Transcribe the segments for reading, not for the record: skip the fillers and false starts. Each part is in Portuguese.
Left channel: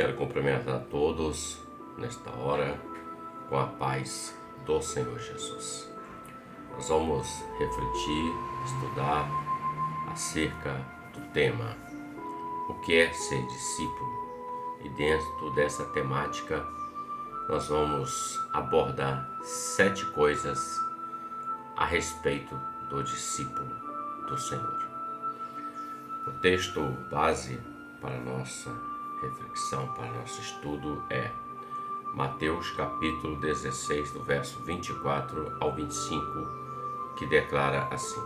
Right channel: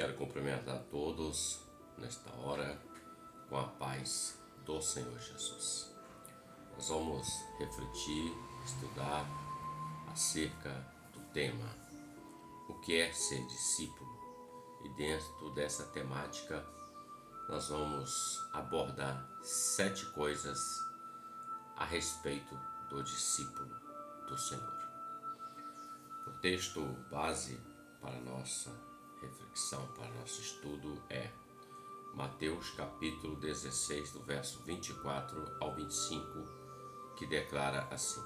Quero cumprimentar a todos nesta hora com a paz do Senhor Jesus. Nós vamos refletir, estudar acerca do tema o que é ser discípulo. E dentro dessa temática nós vamos abordar 7 coisas a respeito do discípulo do Senhor. O texto base para nossa reflexão, para nosso estudo é Mateus capítulo 16, do verso 24 ao 25, que declara assim:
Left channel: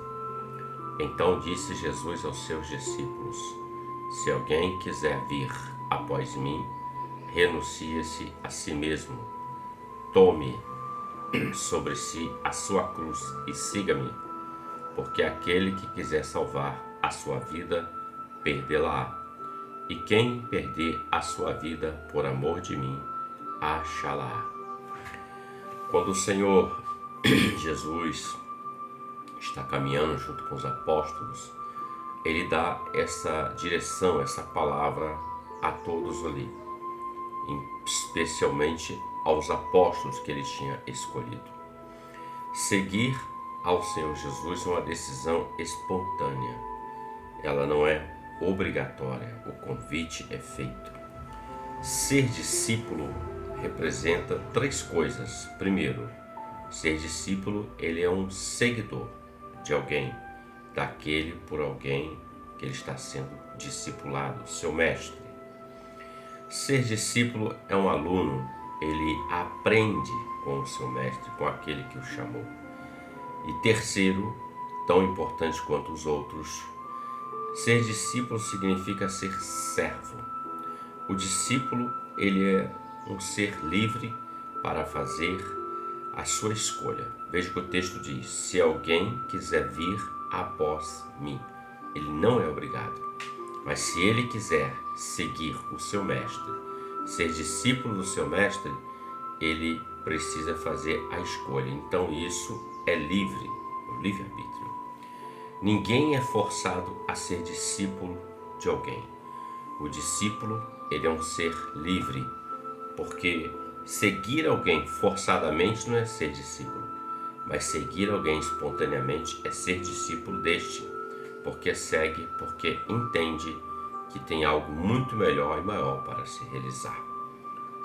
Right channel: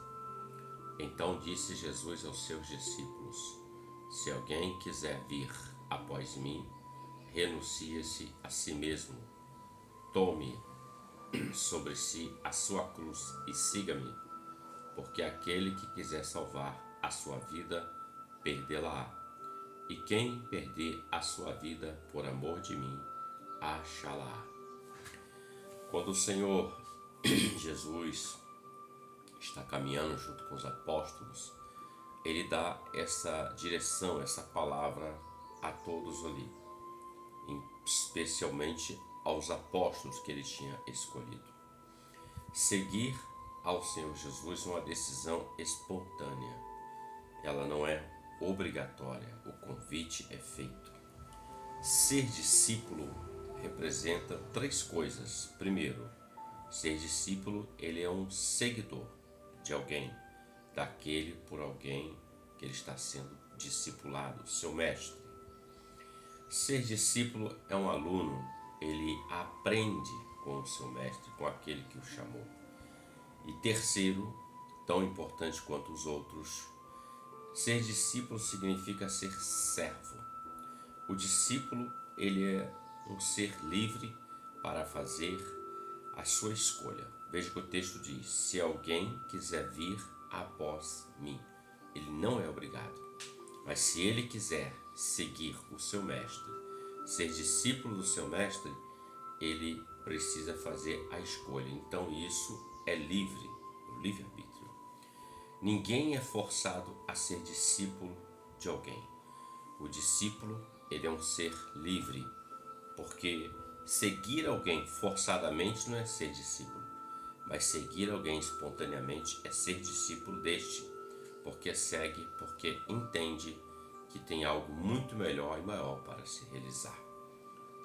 Então disse Jesus aos seus discípulos: Se alguém quiser vir após mim, renuncie-se a si mesmo, tome sobre si a sua cruz e siga-me, porque aquele que quiser salvar a sua vida, perdê-la-á. E quem perder a sua vida por amor de mim, achá-la-á. Quando o Senhor Jesus está caminhando junto com os apóstolos, ele dá essa direção, essa palavra a todos ali, especialmente aos apóstolos que ele tinha escolhido. Seguir ao Senhor Jesus é uma decisão espontânea. Ela não é obrigatória, o convite é feito. Ser discípulo representa 3 coisas. Primeiro, ser discípulo, ele é um seguidor de alguém, daquele por alguém que ele está sendo discipulado, seu mestre. Ser discípulo é um aluno, ele aprende com o seu mestre, com aquele que o chamou. E terceiro, tão importante quanto os outros, ser discípulo significa ser servo. O discípulo, ele é um ser livre para fazer a sua escolha. Veja que o texto diz: se alguém quiser vir após mim, ele não é obrigado. Mas se ele quiser seguir o seu mestre, ser discípulo do seu mestre, ele precisa fazer a escolha. Então isso é livre, o livre-arbítrio. Ninguém é forçado a ser discípulo de alguém. O discípulo, ele é um ser livre, porque seguir alguém forçadamente não é ser discípulo, mas seguir alguém espontaneamente é ser discípulo deste, porque segue, porque entende que tem algo muito melhor e maior para se realizar.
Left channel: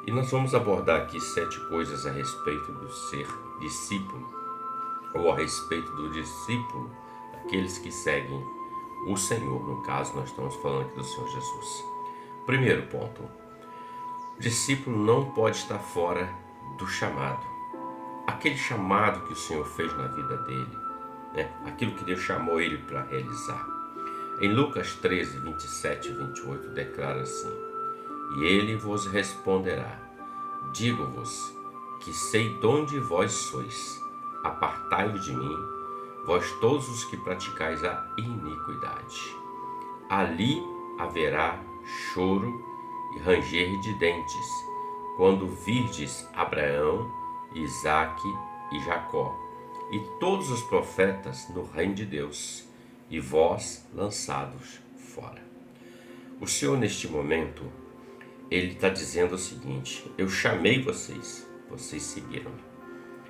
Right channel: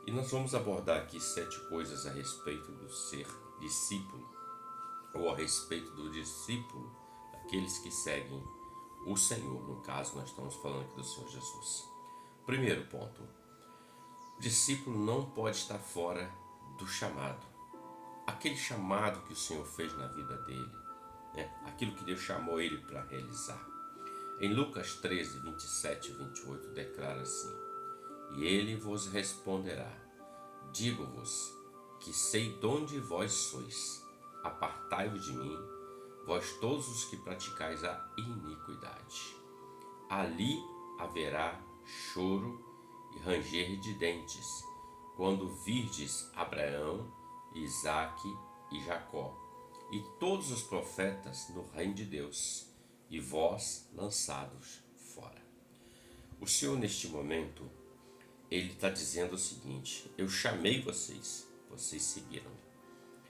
E nós vamos abordar aqui 7 coisas a respeito do ser discípulo, ou a respeito do discípulo, aqueles que seguem o Senhor. No caso, nós estamos falando aqui do Senhor Jesus. Primeiro ponto: o discípulo não pode estar fora do chamado. Aquele chamado que o Senhor fez na vida dele, aquilo que Deus chamou ele para realizar. Em Lucas 13, 27 e 28, declara assim: E ele vos responderá: Digo-vos que sei de onde vós sois, apartai-vos de mim, vós todos os que praticais a iniquidade. Ali haverá choro e ranger de dentes, quando virdes Abraão, Isaque e Jacó, e todos os profetas no reino de Deus, e vós lançados fora. O Senhor, neste momento, ele está dizendo o seguinte: eu chamei vocês, vocês seguiram-me.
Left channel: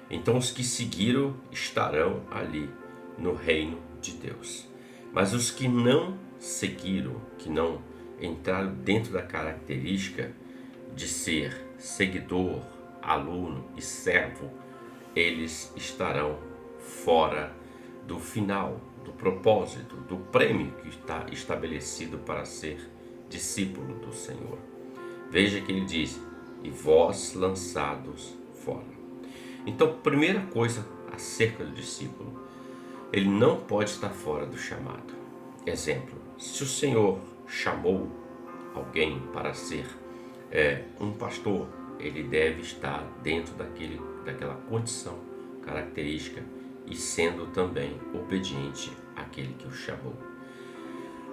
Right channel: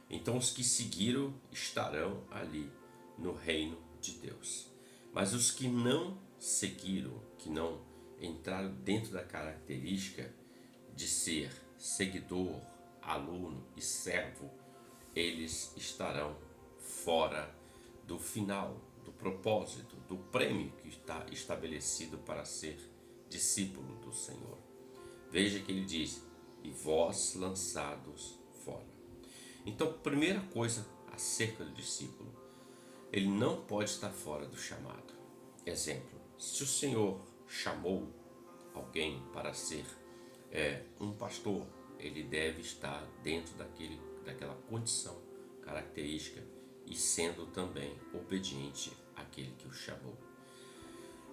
Então os que seguiram estarão ali no reino de Deus. Mas os que não seguiram, que não entraram dentro da característica de ser seguidor, aluno e servo, eles estarão fora do final, do propósito, do prêmio que está estabelecido para ser discípulo do Senhor. Veja que ele diz: e vós lançados fora. Então, primeira coisa acerca do discípulo, ele não pode estar fora do chamado. Exemplo: se o Senhor chamou alguém para ser um pastor, ele deve estar dentro daquela condição característica e sendo também obediente àquele que o chamou.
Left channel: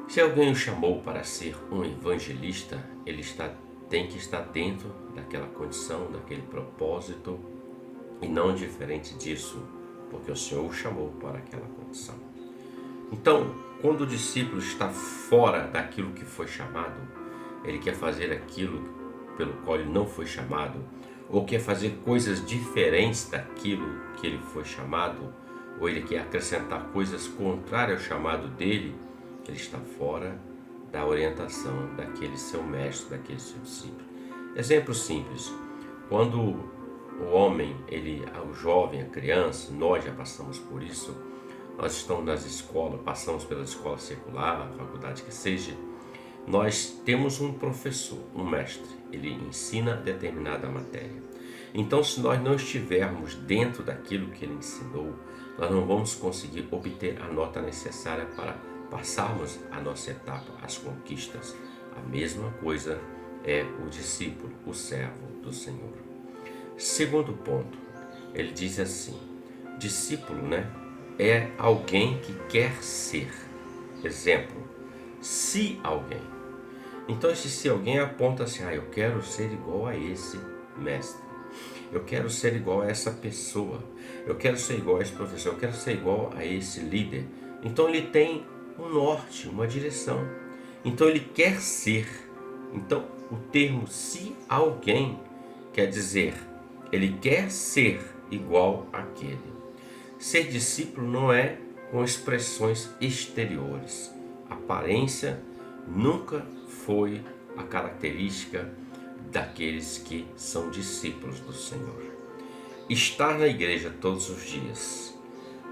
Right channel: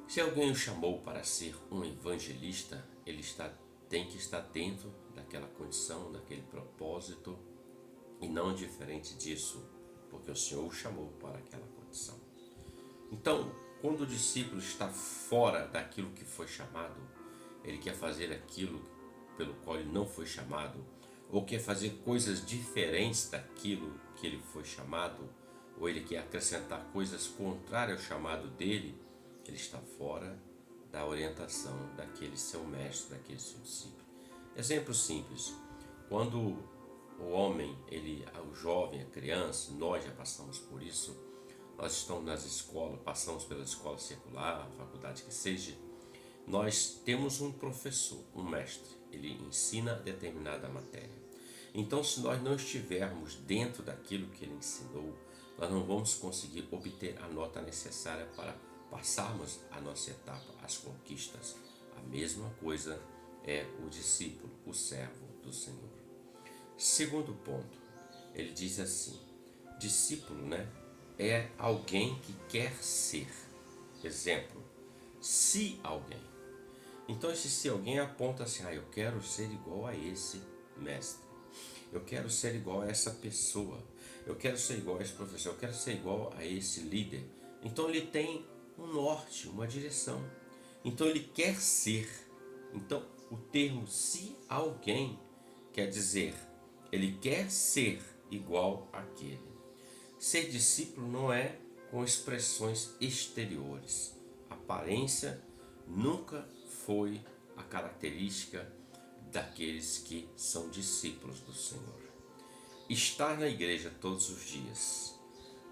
Se alguém o chamou para ser um evangelista, ele tem que estar dentro daquela condição, daquele propósito, e não diferente disso, porque o Senhor o chamou para aquela condição. Então, quando o discípulo está fora daquilo que foi chamado, ele quer fazer aquilo pelo qual ele não foi chamado, ou quer fazer coisas diferentes daquilo que ele foi chamado, ou ele quer acrescentar coisas contrárias ao chamado dele, ele está fora da orientação daquele seu mestre, daquele seu discípulo. Exemplo simples: quando o homem, o jovem, a criança, nós já passamos por isso, nós estamos nas escolas, passamos pela escola secular, faculdade que seja, nós temos um professor, um mestre, ele ensina determinada matéria. Então, se nós não estivermos dentro daquilo que ele ensinou, nós não vamos conseguir obter a nota necessária para passarmos a nossa etapa, as conquistas. A mesma coisa é o discípulo, o servo do Senhor. Segundo ponto, ele diz assim: discípulo, é alguém que quer ser. Exemplo, se alguém. Então esse se alguém aponta assim: eu quero ser igual a esse mestre, eu quero ser igual a essa pessoa, eu quero ser igual a esse professor, eu quero ser igual a esse líder. Então ele tem um norte, uma direção. Então ele quer ser. Então o termo se alguém quer dizer, ele quer ser igual àquele. Ser discípulo não é com expressões exteriores. Aparência nunca foi a característica daqueles que são discípulos do Senhor. Estar na igreja todos os dias,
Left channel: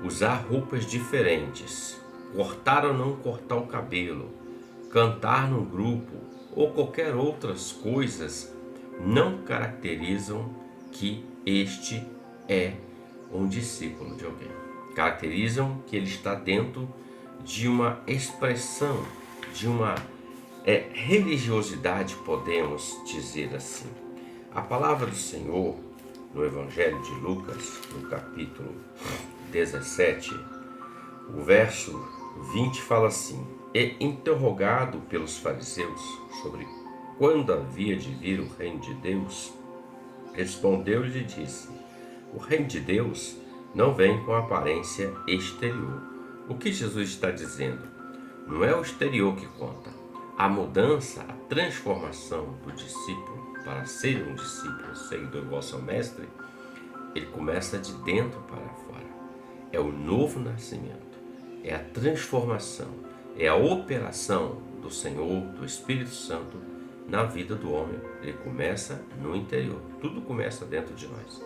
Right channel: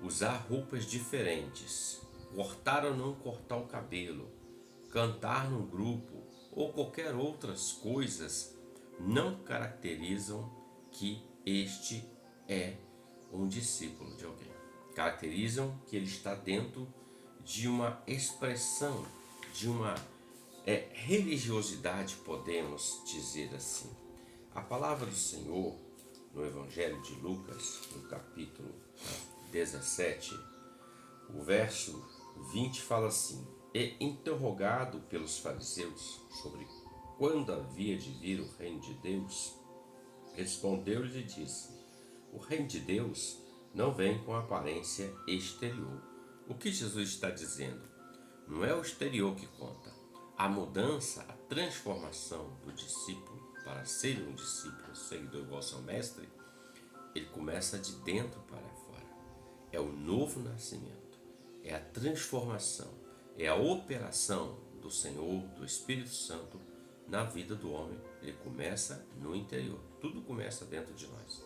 usar roupas diferentes, cortar ou não cortar o cabelo, cantar num grupo ou qualquer outras coisas não caracterizam que este é um discípulo de alguém. Caracterizam que ele está dentro de uma expressão, de uma religiosidade, podemos dizer assim. A palavra do Senhor no Evangelho de Lucas, no capítulo 17, o verso 20 fala assim: e interrogado pelos fariseus sobre quando havia de vir o reino de Deus, respondeu-lhe e disse: o reino de Deus não vem com aparência exterior. O que Jesus está dizendo? Não é o exterior que conta. A mudança, a transformação do discípulo para ser um discípulo, seguidor igual ao seu mestre, ele começa de dentro para fora. É o novo nascimento, é a transformação, é a operação do Senhor, do Espírito Santo na vida do homem. Ele começa no interior. Tudo começa dentro de nós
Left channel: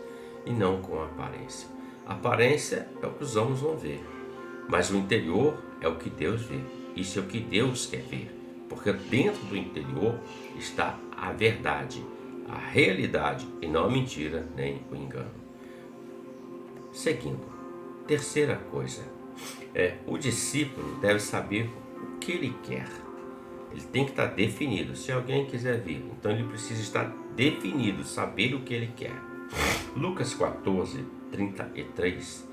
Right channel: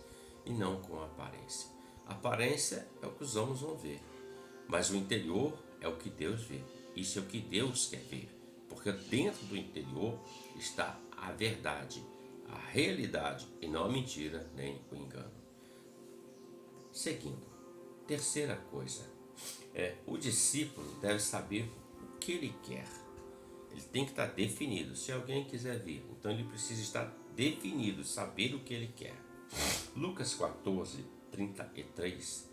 e não com a aparência. A aparência é o que os homens vão ver, mas o interior é o que Deus vê. Isso é o que Deus quer ver, porque dentro do interior está a verdade, a realidade, e não a mentira nem o engano. Seguindo, terceira coisa, o discípulo deve saber o que ele quer. Ele tem que estar definido. Se alguém quiser vir, então ele precisa estar definido, saber o que ele quer. Lucas 14, 33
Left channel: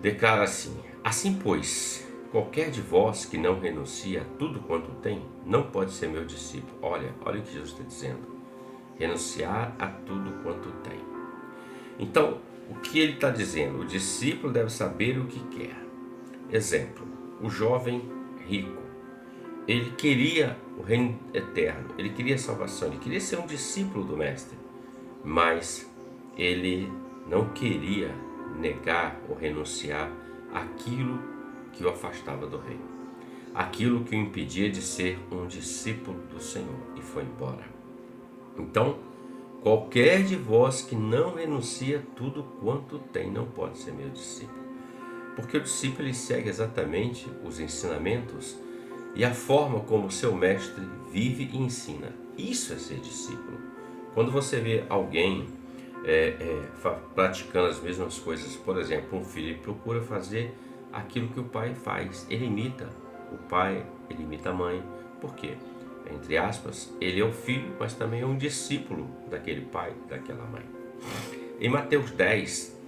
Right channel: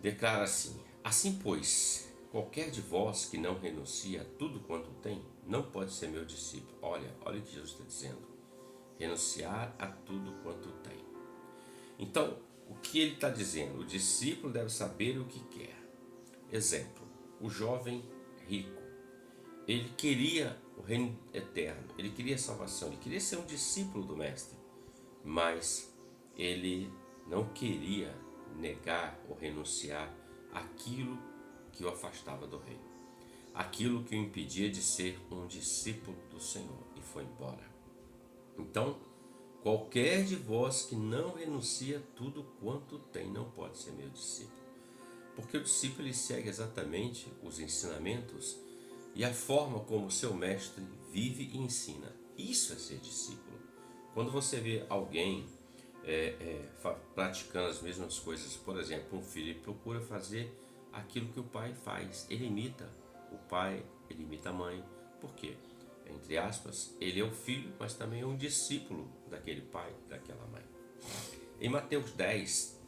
declara assim: assim pois, qualquer de vós que não renuncia a tudo quanto tem, não pode ser meu discípulo. Olha o que Jesus está dizendo: renunciar a tudo quanto tem. Então, o que ele está dizendo? O discípulo deve saber o que quer. Exemplo, o jovem rico, ele queria o reino eterno, ele queria a salvação, ele queria ser um discípulo do mestre, mas ele não queria negar ou renunciar aquilo que o afastava do reino, aquilo que o impedia de ser um discípulo do Senhor, e foi embora. Então, qualquer de vós que não renuncia tudo quanto tem não pode ser meu discípulo, porque o discípulo ele segue exatamente os ensinamentos e a forma como o seu mestre vive e ensina. Isso é ser discípulo. Quando você vê alguém praticando as mesmas coisas, por exemplo, um filho procura fazer aquilo que o pai faz, ele imita o pai, ele imita a mãe. Por quê? Entre aspas, ele é o filho, mas também é um discípulo daquele pai, daquela mãe. Em Mateus 10,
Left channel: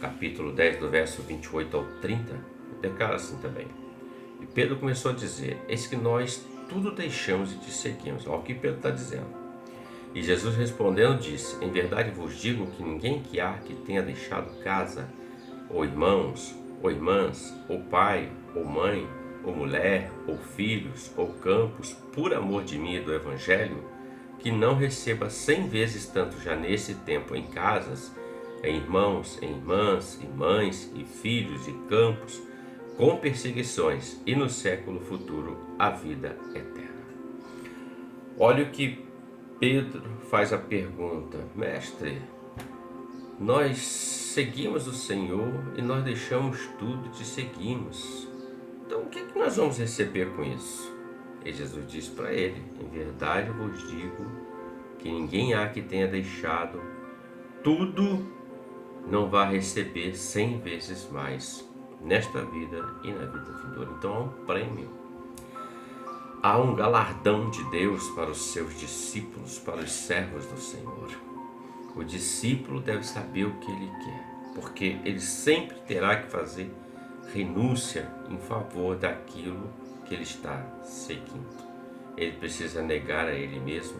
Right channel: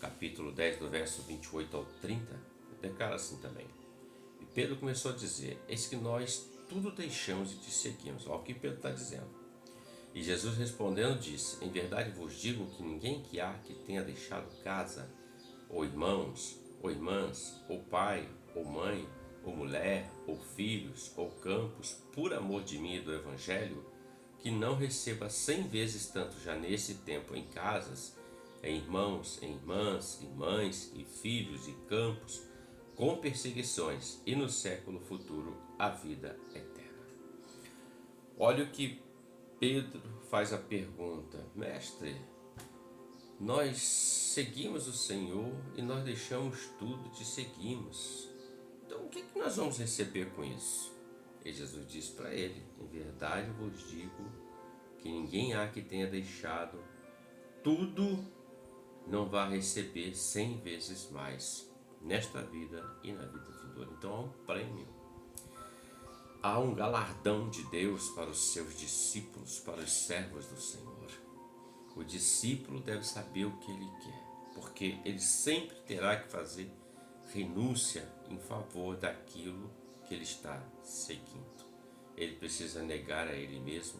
capítulo 10, do verso 28 ao 30, declara assim também: e Pedro começou a dizer: eis que nós tudo deixamos e te seguimos. Olha o que Pedro está dizendo. E Jesus respondendo disse: em verdade vos digo que ninguém que há que tenha deixado casa, ou irmãos, ou irmãs, ou pai, ou mãe, ou mulher, ou filhos, ou campos, por amor de mim e do Evangelho, que não receba 100 vezes tanto já nesse tempo em casas, em irmãos, em irmãs, e mães, e filhos, e campos, com perseguições, e no século futuro a vida eterna. Olha o que Pedro faz a pergunta: Mestre, nós seguimos o Senhor e nós deixamos tudo e te seguimos. Então o que nós vamos receber com isso? E Jesus diz para ele: em verdade eu vos digo que ninguém há que tenha deixado tudo não vai receber 100 vezes mais nesta vida e na vida vindoura. Então há um prêmio, há um galardão de Deus para os seus discípulos, para os servos do Senhor. O discípulo deve saber o que ele quer, porque ele sempre terá que fazer renúncia em favor daquilo que ele está seguindo. Ele precisa negar a ele mesmo,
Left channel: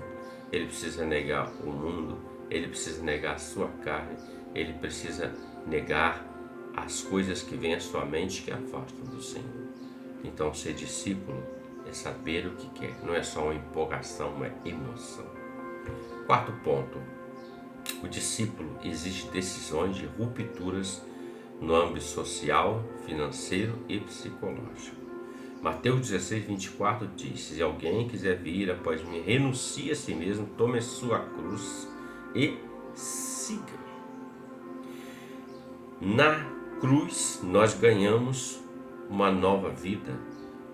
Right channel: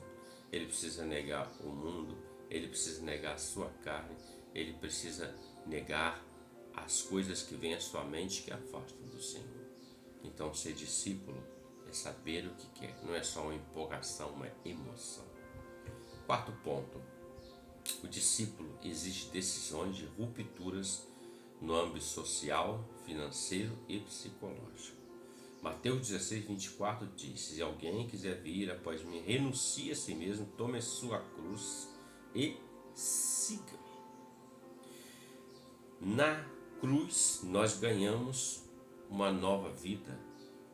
ele precisa negar o mundo, ele precisa negar a sua carne, ele precisa negar as coisas que vêm à sua mente que afastam do Senhor. Então, ser discípulo é saber o que quer, não é só uma empolgação, uma emoção. Quarto ponto: o discípulo exige decisões de rupturas no âmbito social, financeiro e psicológico. Mateus 16, 24 diz: se alguém quiser vir após mim, renuncie a si mesmo, tome sua cruz e siga-me. Na cruz nós ganhamos uma nova vida,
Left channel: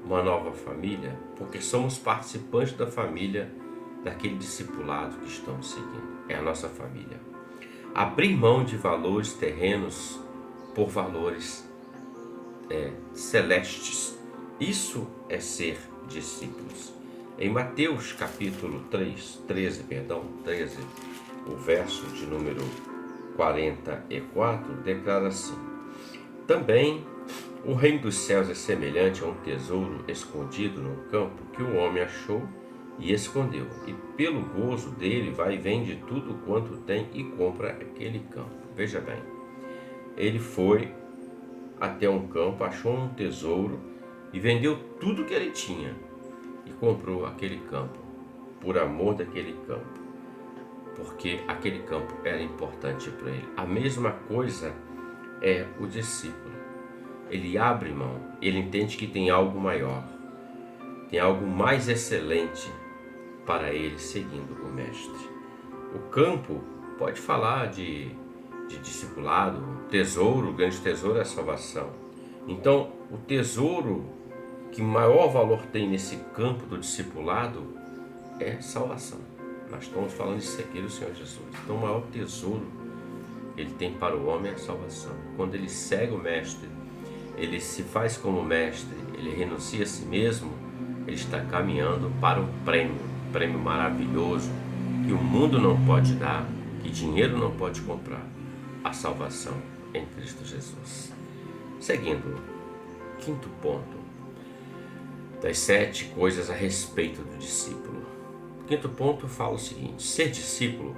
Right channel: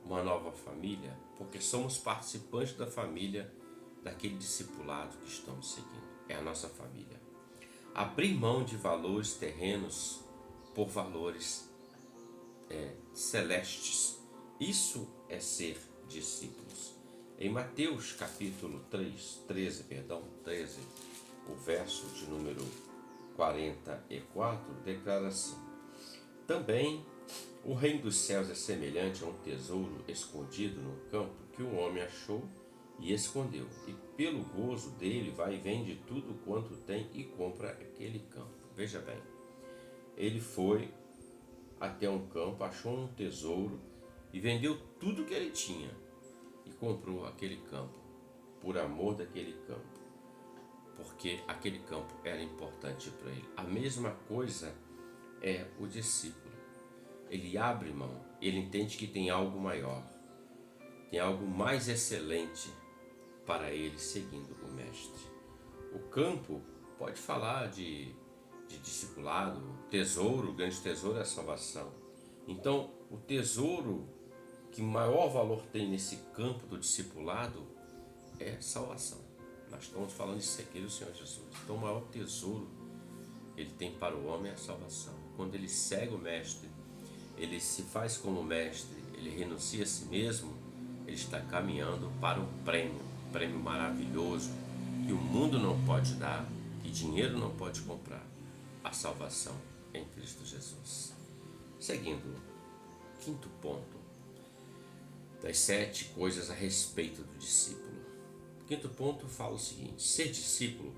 uma nova família, porque somos participantes da família daquele discipulado que estamos seguindo. É a nossa família. Abrir mão de valores terrenos por valores celestes. Isso é ser discípulos. Em Mateus capítulo 13, o verso de número 44, declara assim: também o reino dos céus é semelhante a um tesouro escondido no campo que o homem achou e escondeu, e pelo gozo dele vai e vende tudo quanto tem e compra aquele campo. Veja bem, ele foi até um campo, achou um tesouro e vendeu tudo que ele tinha e comprou aquele campo, por amor daquele campo, porque aquele campo era importante para ele. A mesma coisa é o discípulo. Ele abre mão, ele entende que tem algo maior, tem algo mais excelente para ele seguindo o mestre. O campo pode falar de discipulado, tesouro, o grande tesouro é a salvação. Então, o tesouro que maior valor tem nesse campo do discipulado é salvação. Nós estamos falando de seguir o Senhor Jesus. Então, o maior tesouro que ele tem para o homem é a salvação. Quando ele segue o mestre, ele se faz como mestre, ele renuncia a si mesmo, ele está caminhando para um prêmio maravilhoso que o mundo não pode dar, que dinheiro não pode comprar: a salvação em Cristo Jesus. Seguindo, quinto ponto das 7 coisas a respeito do discípulo. O quinto ponto fala o seguinte: ser discípulo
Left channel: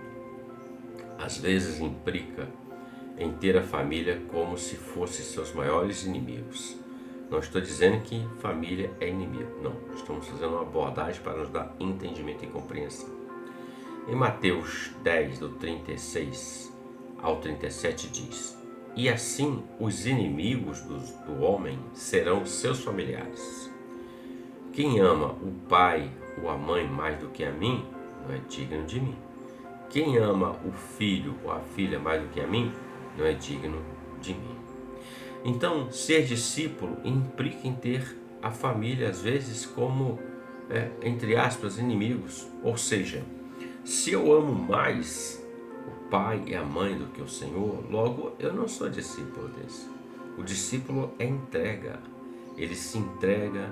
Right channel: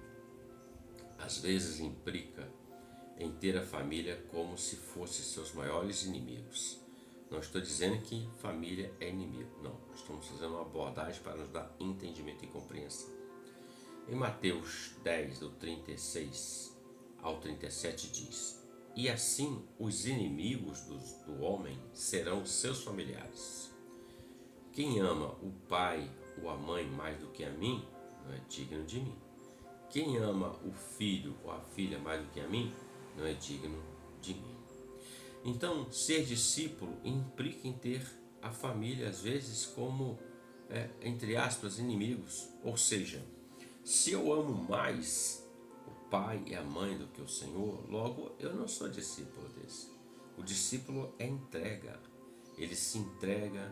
às vezes implica em ter a família como se fossem seus maiores inimigos. Não estou dizendo que família é inimigo, não. Estamos fazendo uma abordagem para nos dar entendimento e compreensão. Em Mateus 10, do 36 ao 37 diz: e assim os inimigos do homem serão seus familiares. Quem ama o pai ou a mãe mais do que a mim, não é digno de mim. Quem ama o filho ou a filha mais do que a mim, não é digno de mim. Então, ser discípulo implica em ter a família, às vezes, como, entre aspas, inimigos. Ou seja, se eu amo mais o pai e a mãe do que o Senhor, logo eu não sou discípulo desse. O discípulo é entrega. Ele se entrega,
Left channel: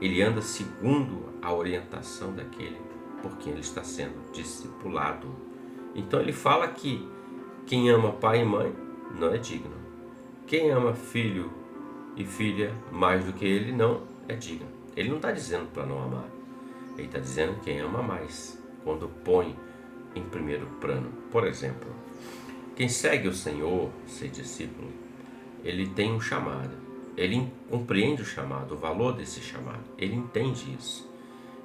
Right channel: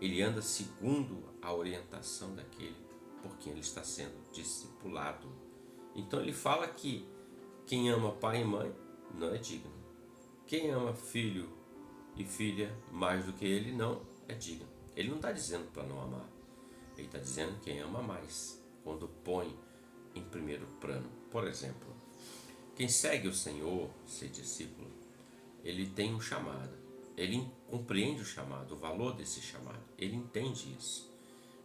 ele anda segundo a orientação daquele por quem ele está sendo discipulado. Então ele fala que quem ama pai e mãe não é digno. Quem ama filho e filha mais do que ele não é digno. Ele não está dizendo para não amar. Ele está dizendo quem ama mais, quando põe em primeiro plano. Por exemplo, quem segue o Senhor, ser discípulo, ele tem um chamado. Ele compreende o chamado, o valor desse chamado. Ele entende isso.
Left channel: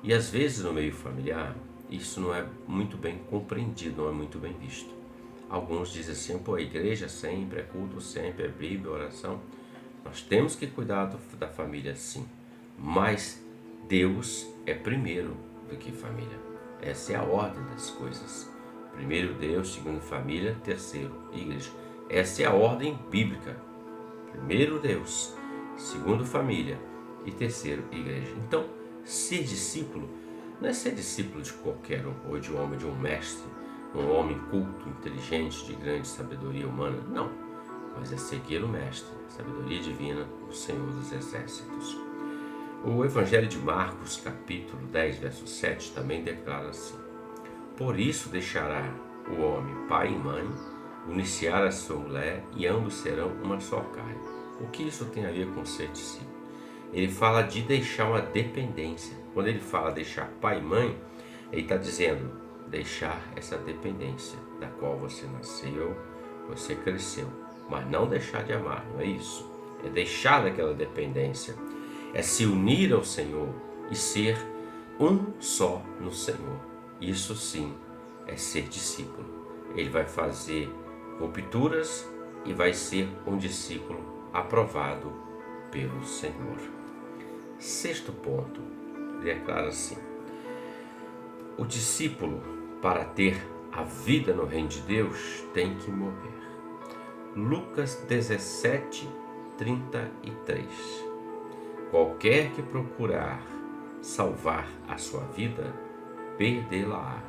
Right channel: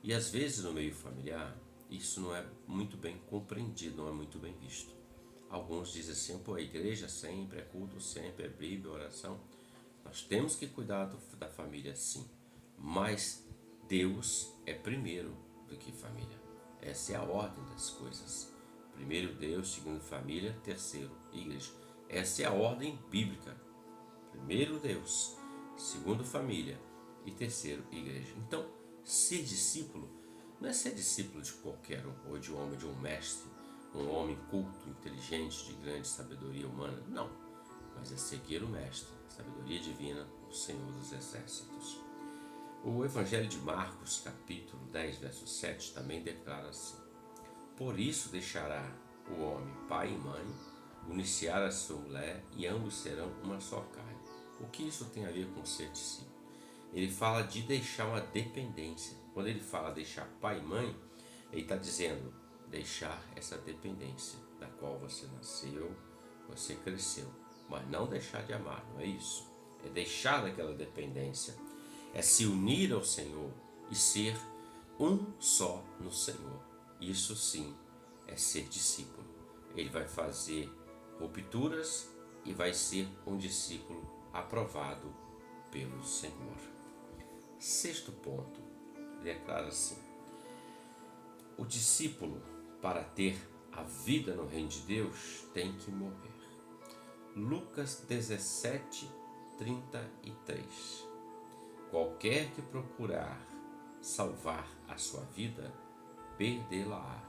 E às vezes no meio familiar, isso não é muito bem compreendido, não é muito bem visto. Alguns dizem assim, pô, a igreja sempre, é culto sempre, é Bíblia, oração. Nós temos que cuidar da família sim, mas Deus é primeiro do que família. Essa é a ordem das coisas. Primeiro Deus, segundo família, terceiro igreja. Essa é a ordem bíblica. Primeiro Deus, segundo família e terceiro igreja. Então, ser discípulo não é ser discípulo de qualquer um, ou de um homem, de um mestre, um homem culto, inteligente, de grande sabedoria humana. Não, mas é seguir o mestre, sabedoria divina, o Senhor dos Exércitos. O Evangelho de Marcos, capítulo 10, verso 7, também declara assim: por isso deixará o homem pai e mãe, uniciar a sua mulher, e ambos serão uma só carne. O que isso tem a ver com ser discípulo? Ele fala de deixar uma dependência. Quando ele fala deixar pai e mãe, ele está dizendo deixar essa dependência da qual você nasceu, você cresceu, mas não deixar de amar, não é isso. É deixar daquela dependência, é se unir ao Senhor e ser um só no Senhor. Isso sim é ser discípulo. Ele vai fazer rupturas e vai ser um discípulo aprovado pelo Senhor. Sexto ponto, ele declara assim: o discípulo, para ter a vida no reino de Deus, tem que morrer. Lucas 17, 33. Qualquer que procurar salvar a sua vida, perdê-la-á.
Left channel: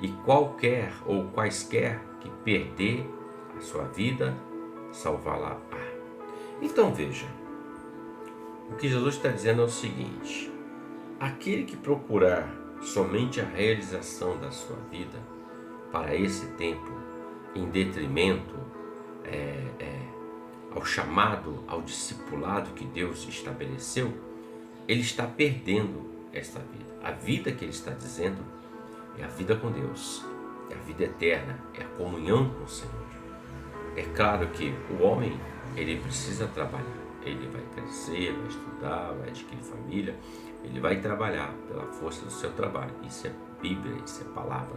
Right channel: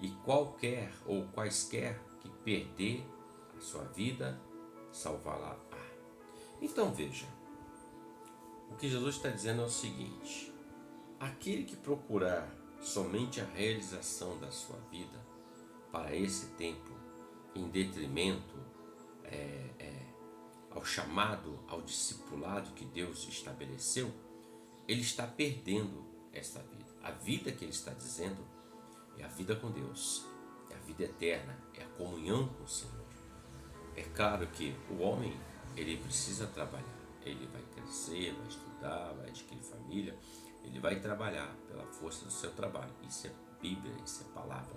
E qualquer ou quaisquer que perder a sua vida, salvá-la-á. Então veja, o que Jesus está dizendo é o seguinte: aquele que procurar somente a realização da sua vida para esse tempo, em detrimento ao chamado, ao discipulado que Deus estabeleceu, ele está perdendo esta vida. A vida que ele está dizendo é a vida com Deus, é a vida eterna, é a comunhão com o Senhor. É claro que o homem, ele precisa trabalhar, ele vai crescer, vai estudar, vai adquirir família, ele vai trabalhar pela força do seu trabalho. Isso é Bíblia, isso é palavra.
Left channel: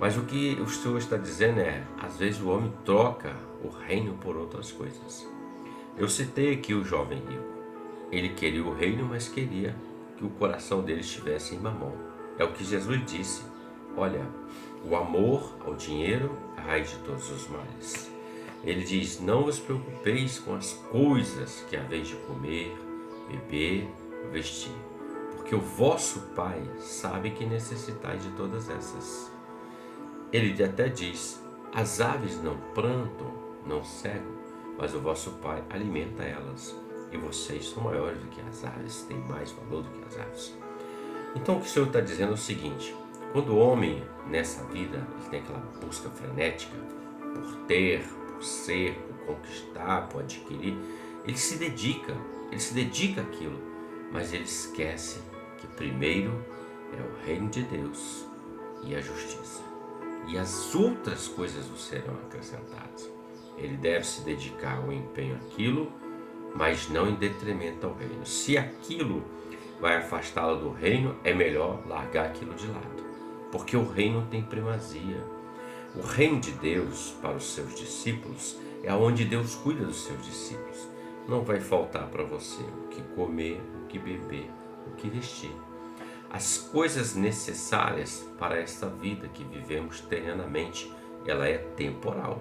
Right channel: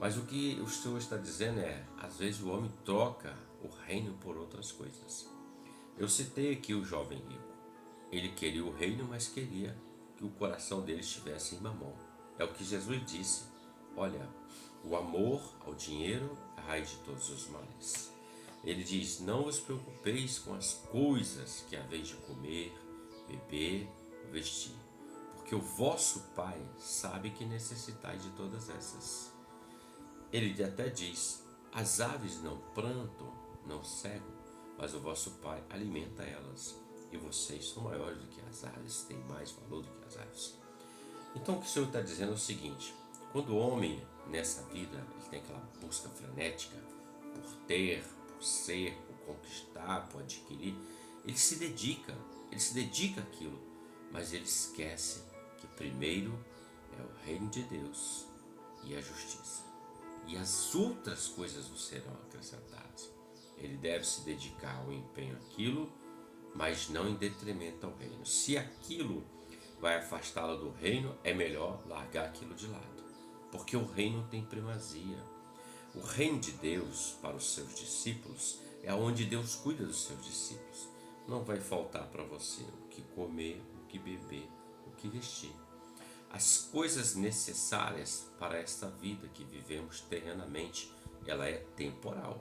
Mas o que o Senhor está dizendo é, às vezes o homem troca o reino por outras coisas. Eu citei aqui o jovem rico. Ele queria o reino, mas queria que o coração dele estivesse em Mamon. É o que Jesus disse: olha, o amor ao dinheiro é a raiz de todos os males. Ele diz: não vos preocupeis com as coisas que haveis de comer, beber, vestir, porque o vosso Pai sabe que necessitais de todas essas. Ele até diz: as aves não plantam, não cegam, mas o vosso Pai alimenta elas, e vocês são maiores do que as aves, têm mais valor do que as aves. Então o que o Senhor está dizendo é o seguinte: quando o homem nessa vida ele tem aquela busca frenética por ter, por ser, por conquistar, por adquirir, ele se dedica àquilo, mas ele esquece que primeiro é o reino de Deus e a justiça, e as outras coisas o serão acrescentadas. Ele deve se dedicar ao empenho àquilo, mas não em detrimento ao reino. Se aquilo vai afastá-lo do reino, é melhor largar aquilo de lado, porque o reino tem primazia. O reino de Deus para os seus discípulos é onde Deus cuida dos seus discípulos. Não vai faltar para você o que comer, o que beber, o que vestir. As coisas necessárias para esta vida que vivemos terrenamente, ela é temporal.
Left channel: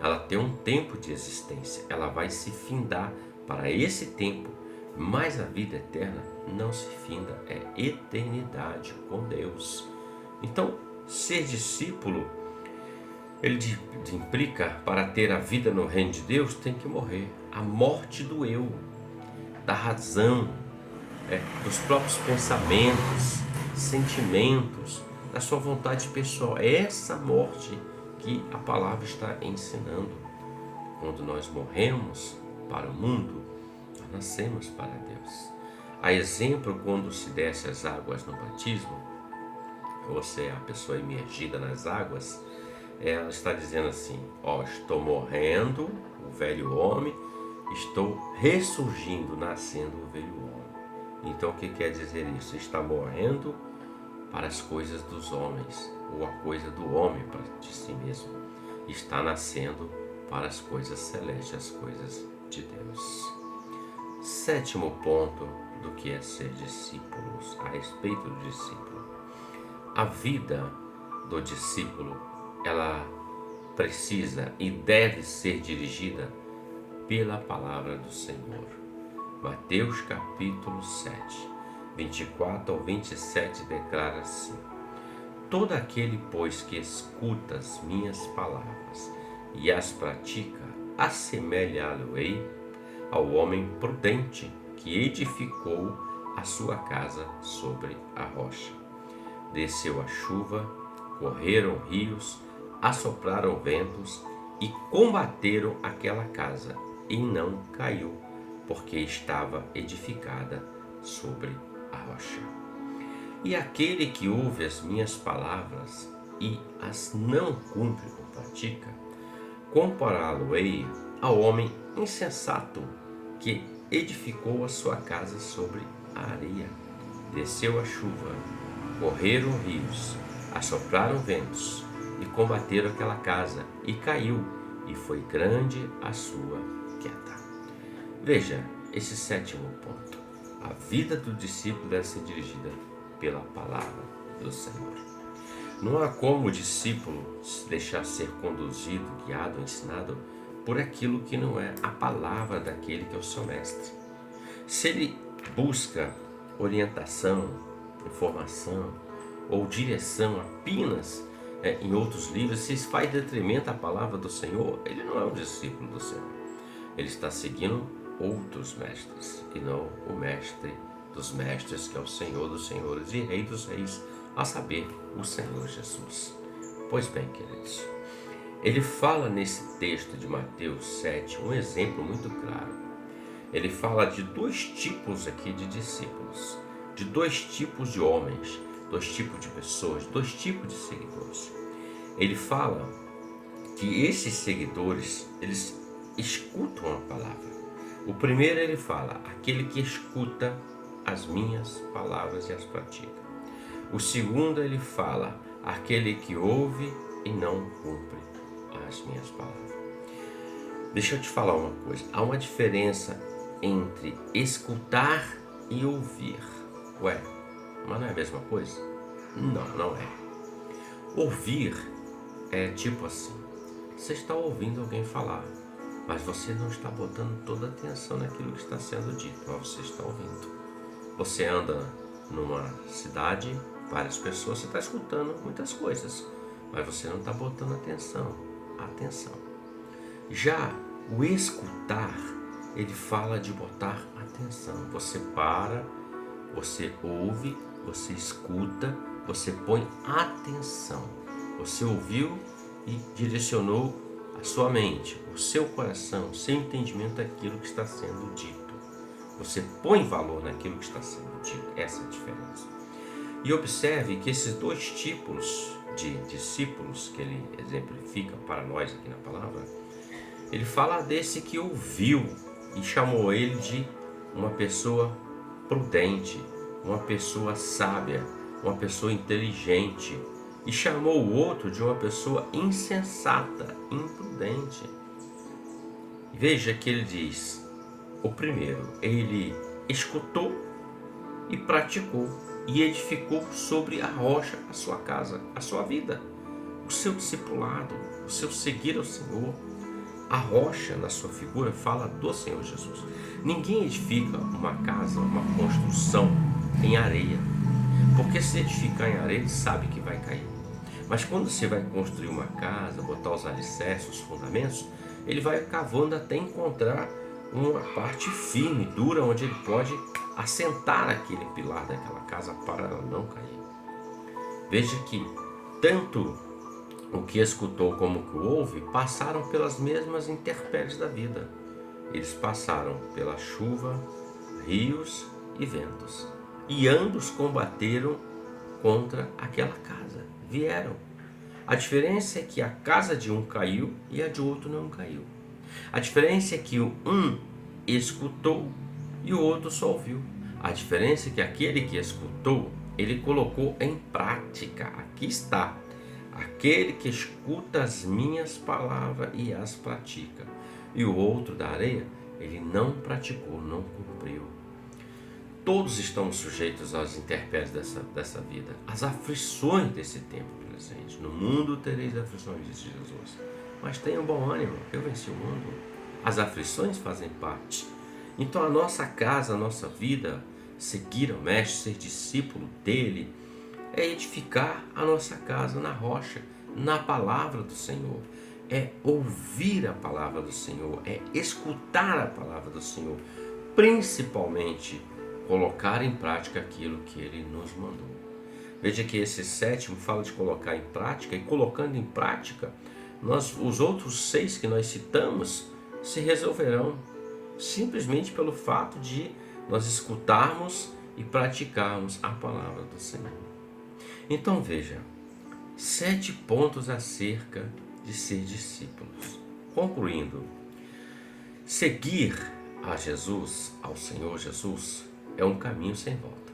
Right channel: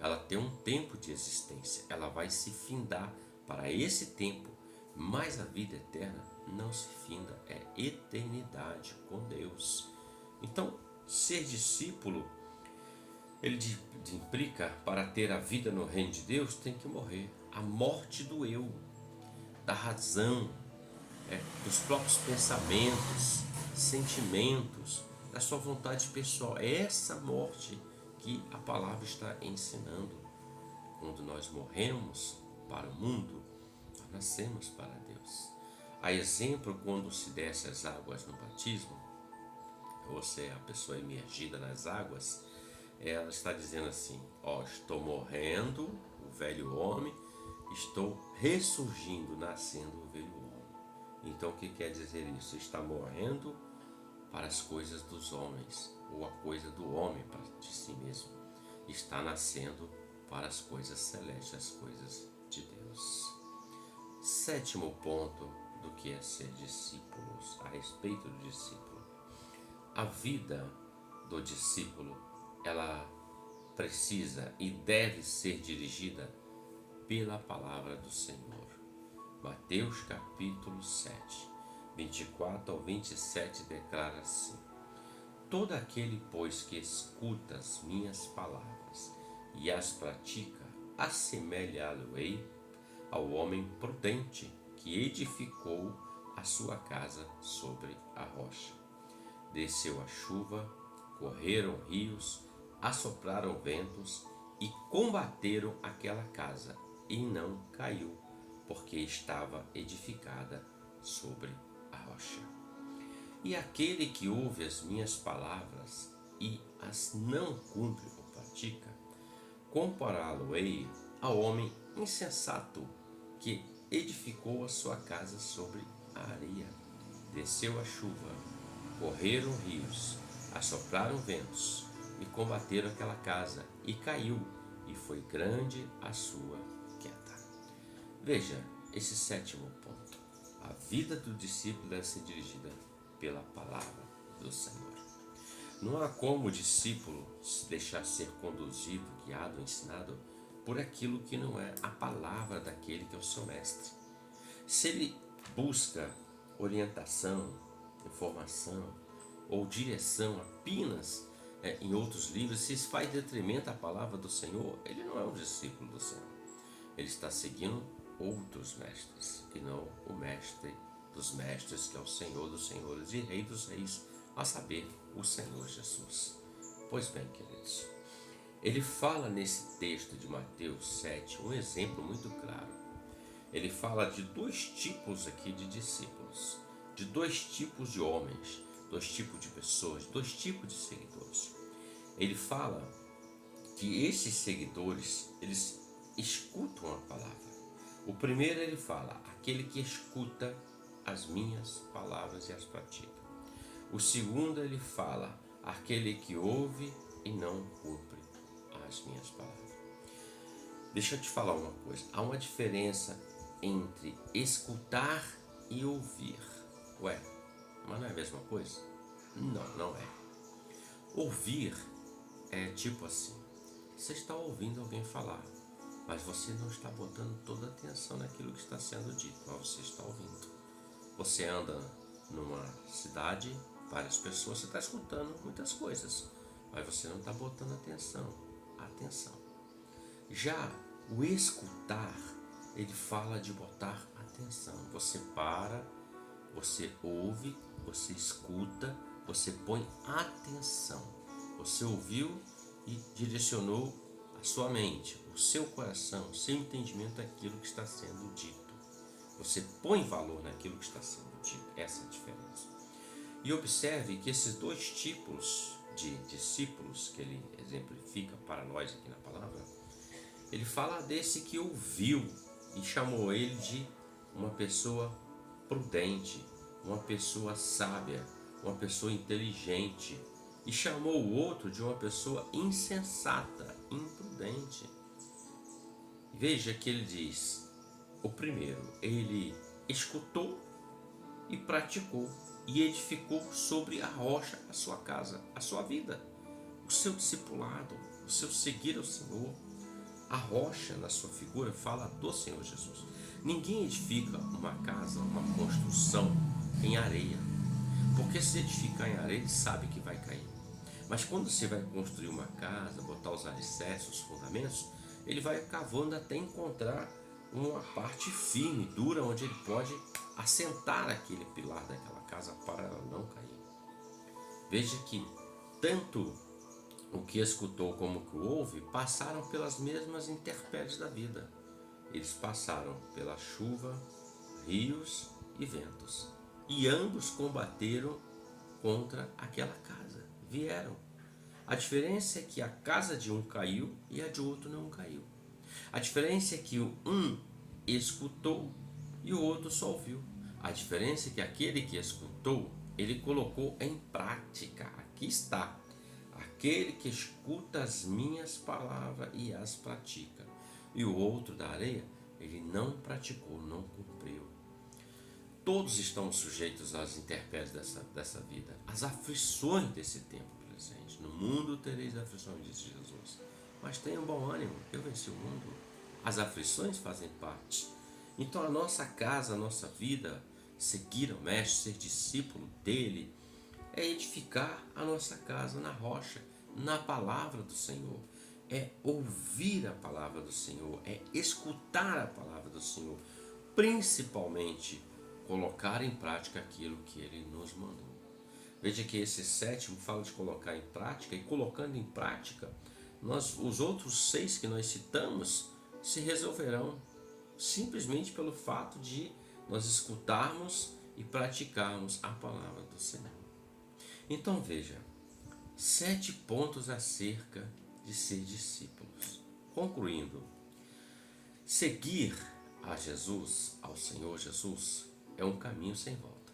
Ela tem um tempo de existência, ela vai se findar para esse tempo, mas a vida eterna não se finda, é eternidade com Deus. Então, ser discípulo, ele implica, para ter a vida no reino de Deus, tem que morrer. A morte do eu, da razão, dos próprios pensamentos, sentimentos, da sua vontade pessoal. É essa morte que a palavra está ensinando. Quando nós morremos para o mundo, nós nascemos para Deus. A exemplo, quando se desce as águas no batismo, você é a pessoa imergida nas águas, ela está dizendo assim: ó, estou morrendo, o velho homem, estou ressurgindo, nascendo o velho homem. Então o que quer dizer isso? Está morrendo para as coisas dos homens, ou a coisa do homem para de si mesmo. Está nascendo para as coisas celestes, as coisas de Deus. Sétimo ponto do que é ser discípulos, a respeito do discípulo. A vida do discípulo, ela precisa e deve ser dirigida pela palavra do Senhor. Mateus capítulo 7, 24 ao 27 declara assim: todo aquele, pois, que escuta as minhas palavras e as pratica, assemelhá-lo-ei ao homem prudente que edificou a sua casa sobre a rocha. Desceu a chuva, correram rios, assopraram ventos e combateram aquela casa, e não caiu, porque estava edificada sobre a rocha. E aquele que ouve as minhas palavras e as não cumpre ou pratica, compará-lo-ei ao homem insensato que edificou a sua casa sobre a areia. Desceu a chuva, correram rios, assopraram ventos e combateram aquela casa, e caiu, e foi grande a sua queda. Veja esse sétimo ponto. A vida do discípulo deve ser dirigida pela palavra do Senhor. Não há como o discípulo se deixar ser conduzido, guiado, ensinado por aquilo que não é a palavra daquele que é o seu mestre. Se ele busca orientação, informação ou direção apenas em outros livros, se isso faz detrimento à palavra do Senhor, ele não é um discípulo do Senhor. Ele está seguindo outros mestres e não o mestre dos mestres, que é o Senhor dos senhores e Rei dos reis, a saber, o Senhor Jesus. Pois bem, queridos, ele fala nesse texto de Mateus 7 um exemplo muito claro. Ele fala de dois tipos aqui de discípulos, de dois tipos de homens, dois tipos de pessoas, dois tipos de seguidores. Ele fala que esses seguidores, eles escutam a palavra. O primeiro ele fala, aquele que escuta as minhas palavras e as pratica. O segundo ele fala, aquele que ouve e não cumpre as minhas palavras. Deixa eu te falar uma coisa, há uma diferença entre escutar e ouvir. Ué, mas não é a mesma coisa? Não, não é. Ouvir é tipo assim, você está ouvindo alguém falar, mas você não está botando toda a atenção naquilo que está sendo dito, mas você está ouvindo. Você anda numa cidade, várias pessoas, você está escutando muitas coisas, mas você não está botando atenção. Já o escutar, ele fala de botar atenção. Você para, você ouve, você escuta, você põe atenção. Você ouviu e direcionou a sua mente, o seu coração, o seu entendimento daquilo que está sendo dito. Você põe valor naquilo que está sendo dito. Essa é a diferença. E observe que esses dois tipos de discípulos que ele exemplifica para nós aqui na palavra, ele fala desse que ouviu e chamou ele de uma pessoa prudente, uma pessoa sábia, uma pessoa inteligente, e chamou o outro de uma pessoa insensata, imprudente. Veja que ele diz, o primeiro, ele escutou e praticou e edificou sobre a rocha a sua casa, a sua vida, o seu discipulado, o seu seguir ao Senhor. A rocha na sua figura fala do Senhor Jesus. Ninguém edifica uma casa, uma construção em areia, porque se edificar em areia, ele sabe que vai cair. Mas quando você vai construir uma casa, botar os alicerces, os fundamentos, ele vai cavando até encontrar uma parte firme, dura, onde ele pode assentar aquele pilar daquela casa para ela não cair. Veja que tanto o que escutou como o que ouve passaram pelas mesmas intempéries da vida. Eles passaram pela chuva, rios e ventos, e ambos combateram contra aquela casa. Vieram. A diferença é que a casa de um caiu e a de outro não caiu. A diferença é que um escutou e o outro só ouviu. A diferença é que aquele que escutou ele colocou em prática. Aqui está. Aquele que escuta as minhas palavras e as pratica. E o outro da areia, ele não praticou, não cumpriu. Todos estamos sujeitos às intempéries dessa vida, às aflições desse tempo presente. No mundo tereis aflições, disse Jesus. Mas tenham bom ânimo, eu venci o mundo. As aflições fazem parte. Então a nossa casa, a nossa vida, seguir ao Mestre, ser discípulo dele, é edificar a nossa casa na rocha, na palavra do Senhor. É ouvir a palavra do Senhor, é escutar a palavra do Senhor, principalmente colocar em prática aquilo que ele nos mandou. Veja que esse sétimo fala de colocar em prática, e colocando em prática, os outros 6 que nós citamos se resolverão simplesmente pelo fato de nós escutarmos e praticarmos a palavra do Senhor. Então veja, 7 pontos acerca de ser discípulos. Concluindo, seguir a Jesus, ao Senhor Jesus, é um caminho sem volta.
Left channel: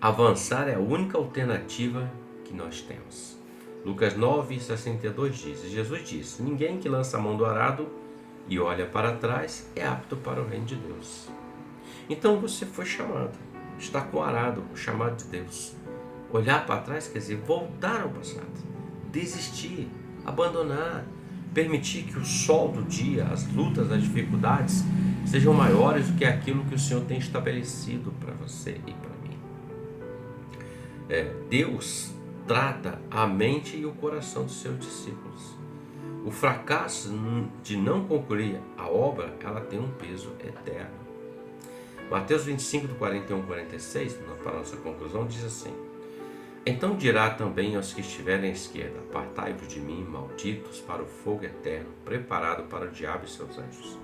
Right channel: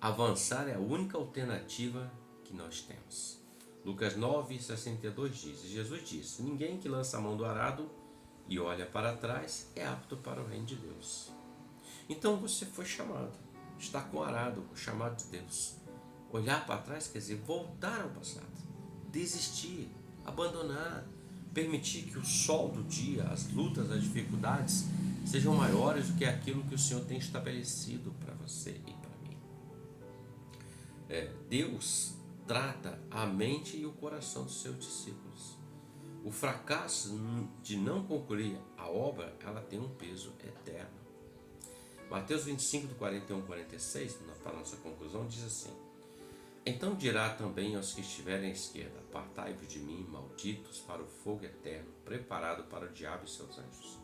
Avançar é a única alternativa que nós temos. Lucas 9:62 diz, Jesus disse, ninguém que lança a mão do arado e olha para trás é apto para o reino de Deus. Então você foi chamado, está com o arado, o chamado de Deus. Olhar para trás quer dizer voltar ao passado, desistir, abandonar, permitir que o sol do dia, as lutas, as dificuldades sejam maiores do que aquilo que o Senhor tem estabelecido para você e para mim. Deus trata a mente e o coração dos seus discípulos. O fracasso de não concluir a obra, ela tem um peso eterno. Mateus 25, do 41 ao 46, para a nossa conclusão, diz assim, então dirá também aos que estiverem à esquerda, apartai-vos de mim, malditos, para o fogo eterno, preparado para o diabo e seus anjos.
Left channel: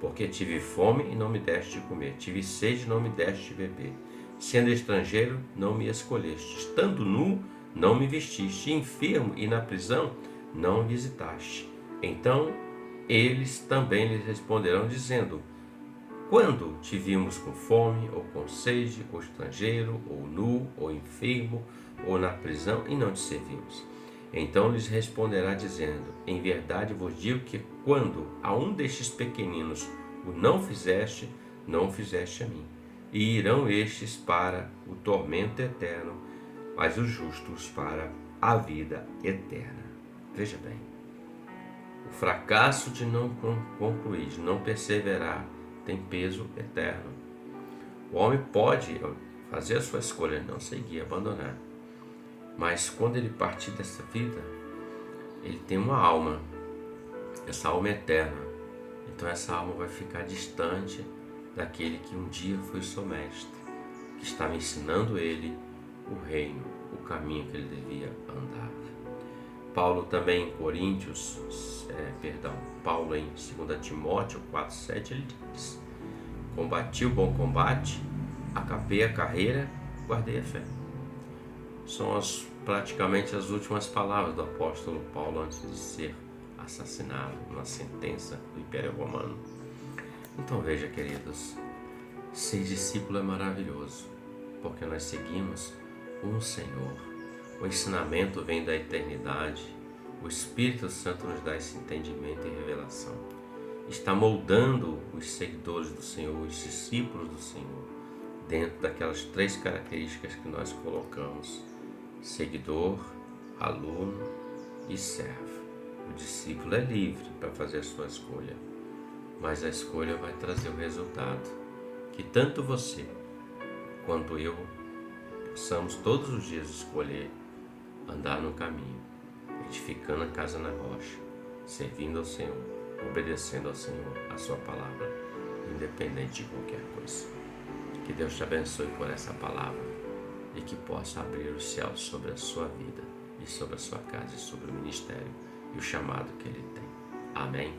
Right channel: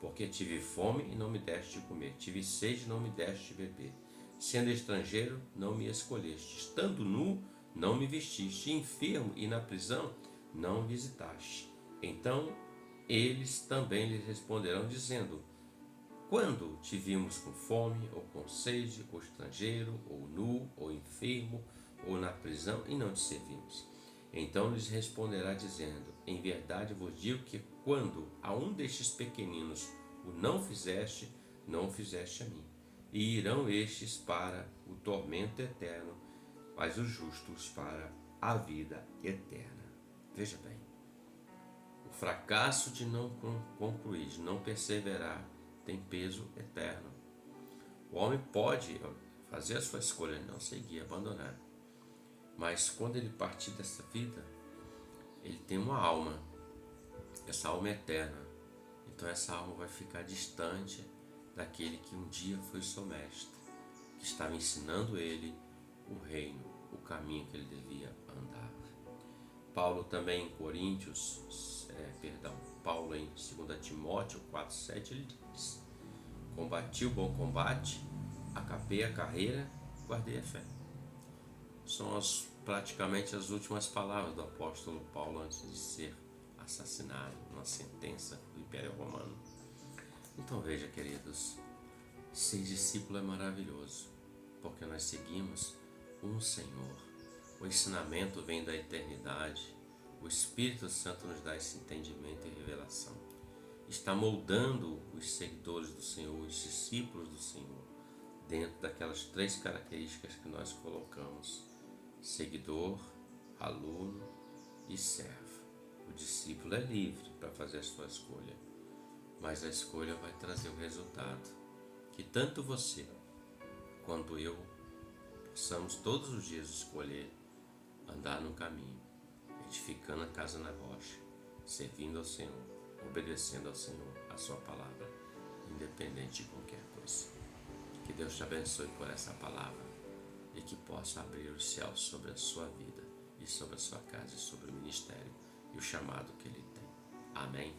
Porque tive fome e não me deste de comer, tive sede e não me deste de beber. Sendo estrangeiro, não me escolheste, estando nu, não me vestiste, enfermo e na prisão, não me visitaste. Então eles também lhes responderão, dizendo, quando te vimos com fome, ou com sede, ou estrangeiro, ou nu, ou enfermo, ou na prisão, e não te servimos? Então lhes responderá, dizendo, em verdade vos digo que quando a um destes pequeninos o não fizeste, não o fizeste a mim. E irão estes para o tormento eterno, mas os justos para a vida eterna. Veja bem, o fracasso de não concluir, de não perseverar, tem peso eterno. O homem pode fazer a sua escolha, não seguir, abandonar. Mas quando ele partir dessa vida, ele tem uma alma. Essa alma é eterna. Então essa alma vai ficar distante daquele que um dia foi seu mestre, que estava ensinando ele o reino, o caminho que ele devia andar. Paulo também em Paulo em 2 Timóteo 4:7, ele diz, combati o bom combate, acabei a carreira, guardei a fé. São praticamente as últimas palavras do apóstolo Paulo antes de ser assassinado numa sentença do Império Romano. Então veja, queridos, ser discípulo é maravilhoso, porque nós seguimos um Senhor. O ensinamento vem da eternidade, o Espírito Santo nos dá esse entendimento e revelação. Está moldando os seguidores do Senhor, os discípulos do Senhor, dentro daquelas 3 características que nós colocamos: seguidor, aluno e servo. O discípulo é livre para fazer a sua escolha, mas a escolha vai trazer o resultado que tanto você quanto eu possamos todos os dias escolher andar no caminho, edificando a casa na rocha, servindo ao Senhor, obedecendo ao Senhor, a sua palavra, independente de qualquer coisa. Que Deus te abençoe por essa palavra e que possa abrir os céus sobre a sua vida e sobre a sua casa e sobre o ministério e o chamado que Ele tem. Amém?